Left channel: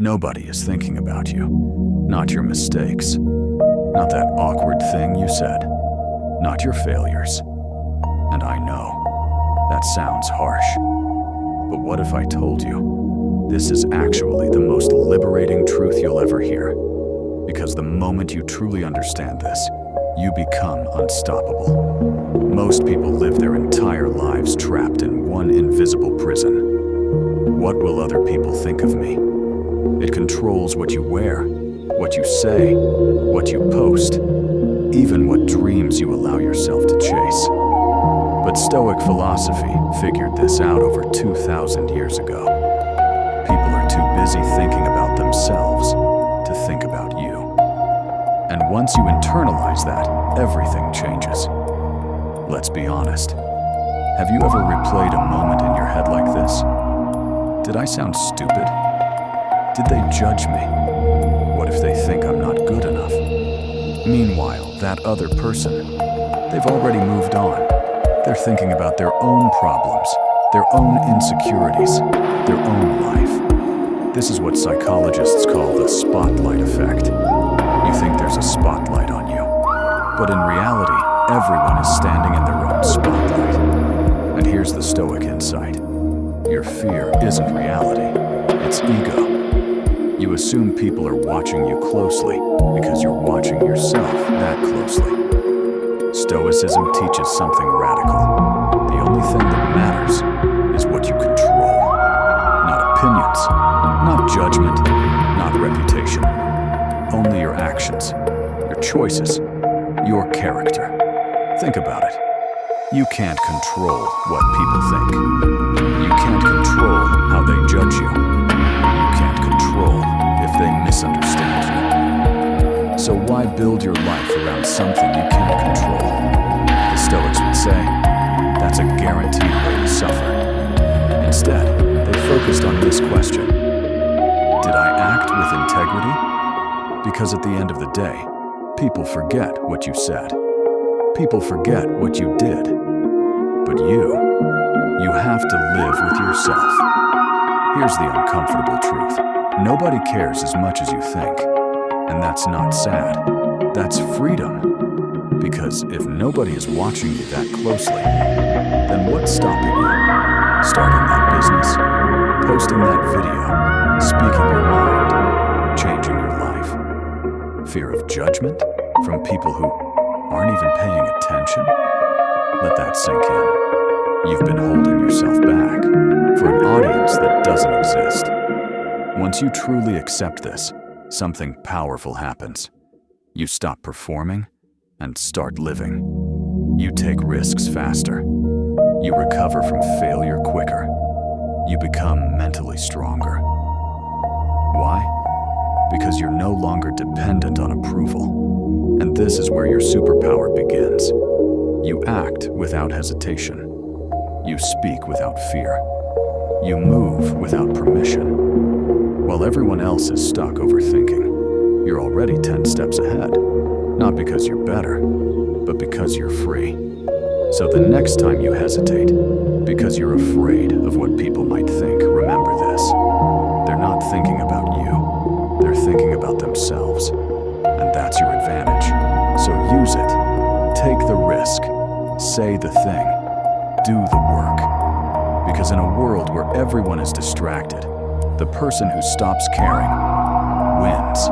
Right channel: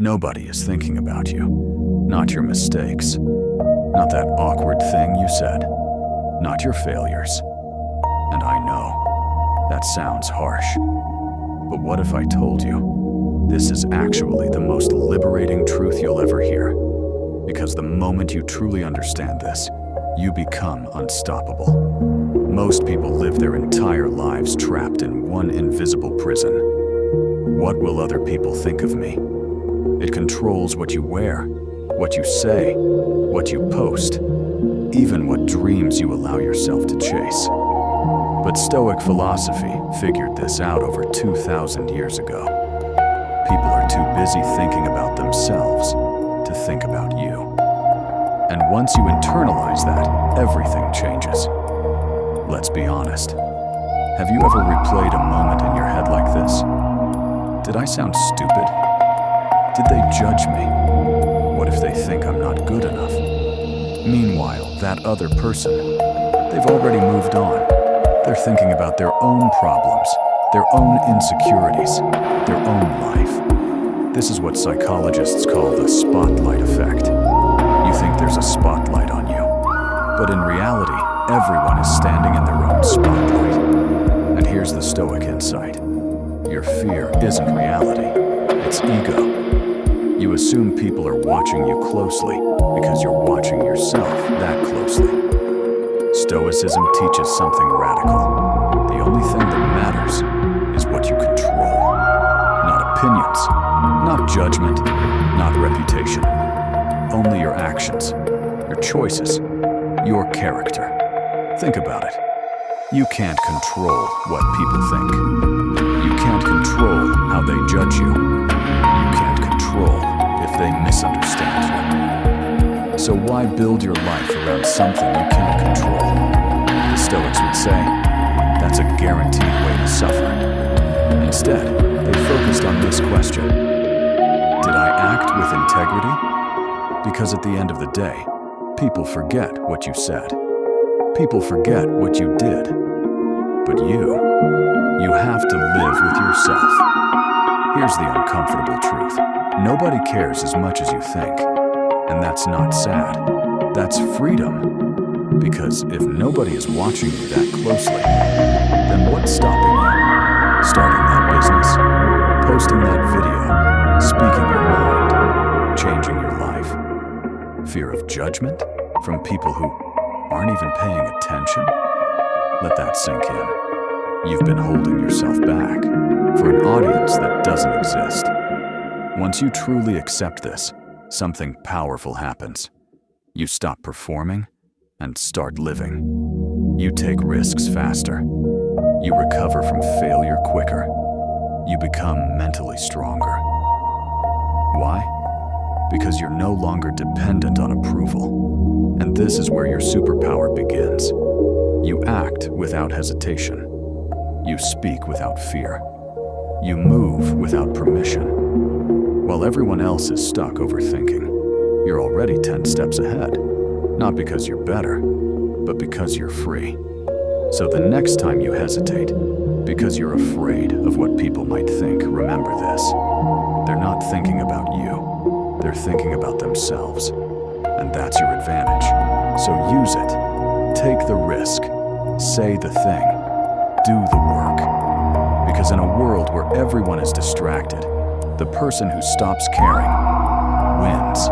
Nobody is thinking about you, not your mistakes, not that awkward thing you said, not your failures. And I know, that sounds harsh. But what if I told you, this is actually the most liberating truth you'll ever hear? Because the moment you truly understand this, you become unstoppable. Most people live their entire lives trapped in one invisible prison. What will other people think of me? It controls what you wear, what you say, what you post, even what dreams you allow yourself to chase. But Stoic philosophy figured this out over 2,000 years ago. People are too busy thinking about themselves to think about you. And once you internalize that, everything changes. Let's be honest. Have you ever replayed a moment in your head like this? Did I sound stupid? Did they judge me? What if they think I'm not good enough? Meanwhile, that other person, they've already moved on. They're thinking about their own problems, their own insecurities, their own life. This is what psychologists call the spotlight effect. You think there's a spotlight on you, but in reality, everyone is standing in their own spotlight. And here's the Stoic insight. Your fear isn't reality, it's ego. You assume people are watching you closely because you're watching yourself that closely. Stoicism teaches something radical. The only thing that matters is what you control. Not opinions, not judgment, not reputation. Only your actions, your choices, your character. Think about it. You can't control what people think. You can't control how they judge you. You can't control if they misunderstand you. So why build your life around something you can't control? The Stoics would say, that's a guaranteed way to suffer. Instead, they focused on this question. Did I act with integrity? Because at the end of the day, people forget what you said. People forget what you did. But you have to live with yourself. Here's the uncomfortable truth. Nobody cares as much as you think. And that's not sad. That's freedom. Because if nobody is watching you that closely, then what's stopping you? Starting that business, posting that video, speaking your mind, changing your life. Fear of judgment from people who aren't even paying attention? Let that sink in. You've been holding yourself back for an audience that doesn't exist. Once you truly accept this, something powerful happens. You stop performing and start living. You take risks faster. You recover from failure quicker. You become mentally stronger. Why? Because you're no longer dependent on approval. And this is where your superpower begins. You act without hesitation. You speak without fear. You move without permission. While everyone else is stuck overthinking, you're already 10 steps ahead. Not because you're better, but because you're free. So the next time you hesitate, because you're afraid of what people might think, remember this. They're not thinking about you. They're thinking about themselves. And that's your advantage. So use it. Take the risk. Say the thing. Do the work. Because in a world where everyone is distracted, the person who stops caring wins.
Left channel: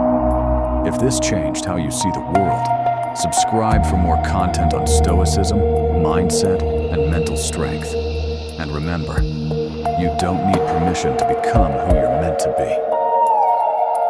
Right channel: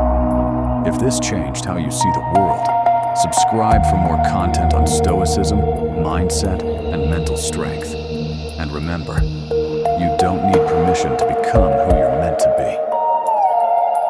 If this changed how you see the world, subscribe for more content on Stoicism, mindset, and mental strength. And remember, you don't need permission to become who you're meant to be.